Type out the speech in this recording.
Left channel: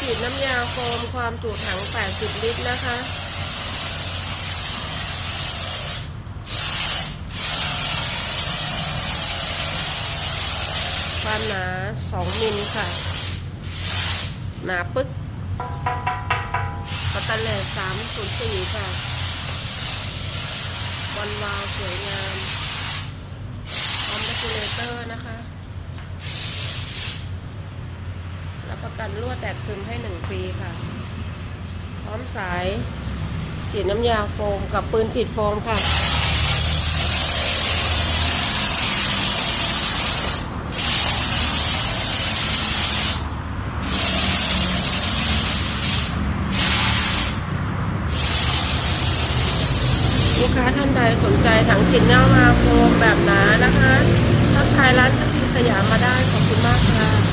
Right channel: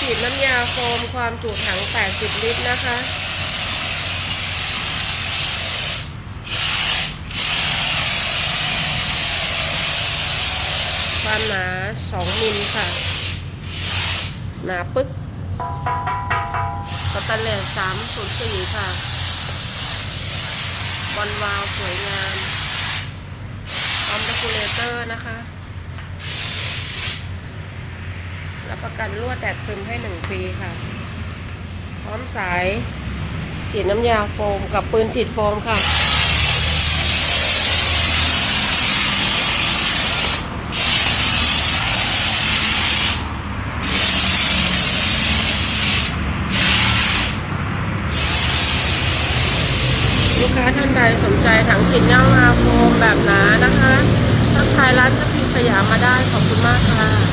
ปีน้ำยาโฟมความจุถัง 80 ลิตรนะคะ ความหนา 2 มิลค่ะ หนาปึ๊กสแตนเลส304 ค่ะวันวาล์วสวยงามพร้อมเดคูเลเตอร์นะคะ รับประกันรั่วแตกซึมให้1ปีค่ะ พร้อมสายฉีดน้ำยาโฟมกับปืนฉีดโฟมค่ะลูกค้าท่านใดสนใจถังฉีดเงามาโฟมแบบหนานะคะทักทายร้านสกินสยามมาได้ขอบคุณมากค่ะ